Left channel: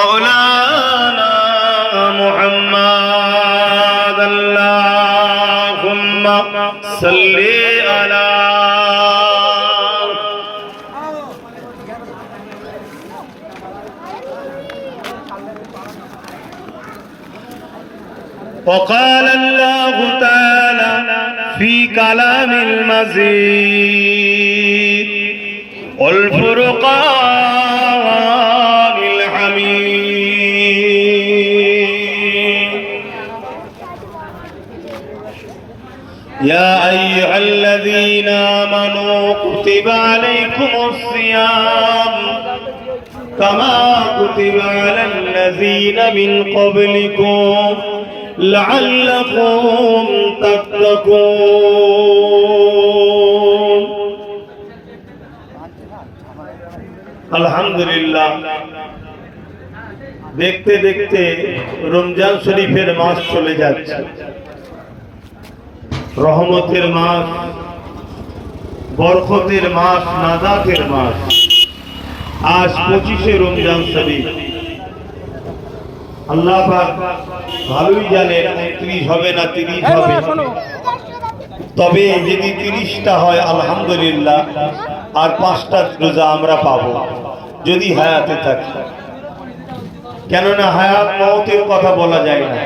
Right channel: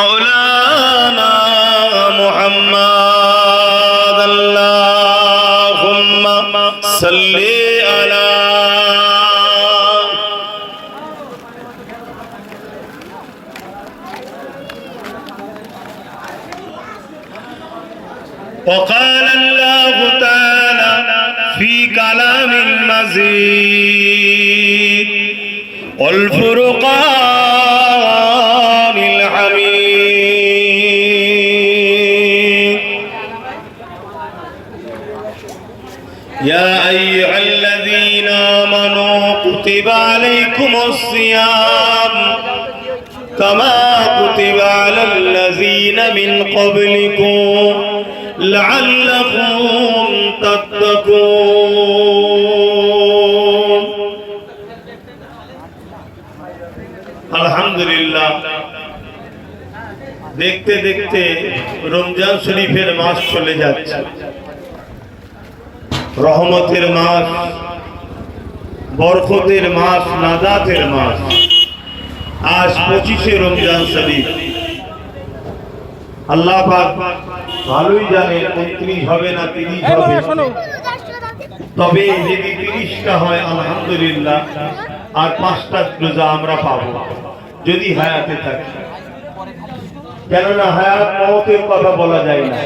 مولانا محمد اللهم صل على وقال الله تعالى في كلام المزيد والفرقان الحميد يا أيها الذين آمنوا كتب عليكم الصيام كما كتب على الذين من قبلكم لعلكم تتقون আলহামদুলিল্লাহ দেখতে দেখতে রমজান শরীফের মাস চলে যাচ্ছে রহমতের মাস বরকতের মাস নাজাতের মাস আজ 25শে রমজান শরীফ আল্লাহ পাক ভালোই জানে 29 হবে না 30 হবে তবে যদি 30টা হয় আলহামদুলিল্লাহ আর 5টা রোজা আমরা পাবো যদি হায়াতে থাকে কেননা হায়াত মওতের কথা বলা যায় না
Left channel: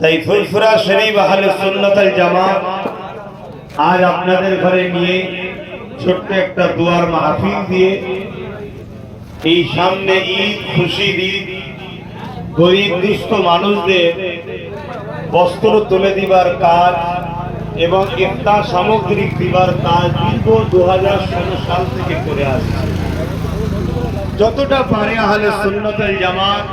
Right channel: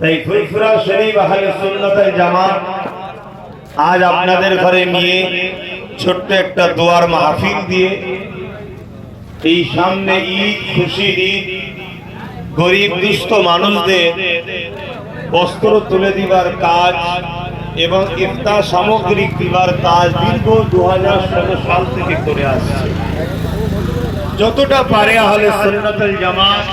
তাই ফুরফুরা শরীফ আহলে সুন্নাত ওয়াল জামাত আজ আপনাদের ঘরে নিয়ে ছোট্ট একটা দোয়ার মাহফিল দিয়ে এই সামনে ঈদ খুশির ঈদ গরিব দুস্থ মানুষদের বস্ত্র তুলে দিবার কাজ এবং ইফতার সামগ্রী দিবার কাজ দীর্ঘ 2016 সাল থেকে করে আসছে যতটা পারে আহলে সুন্নাত ওয়াল জামাত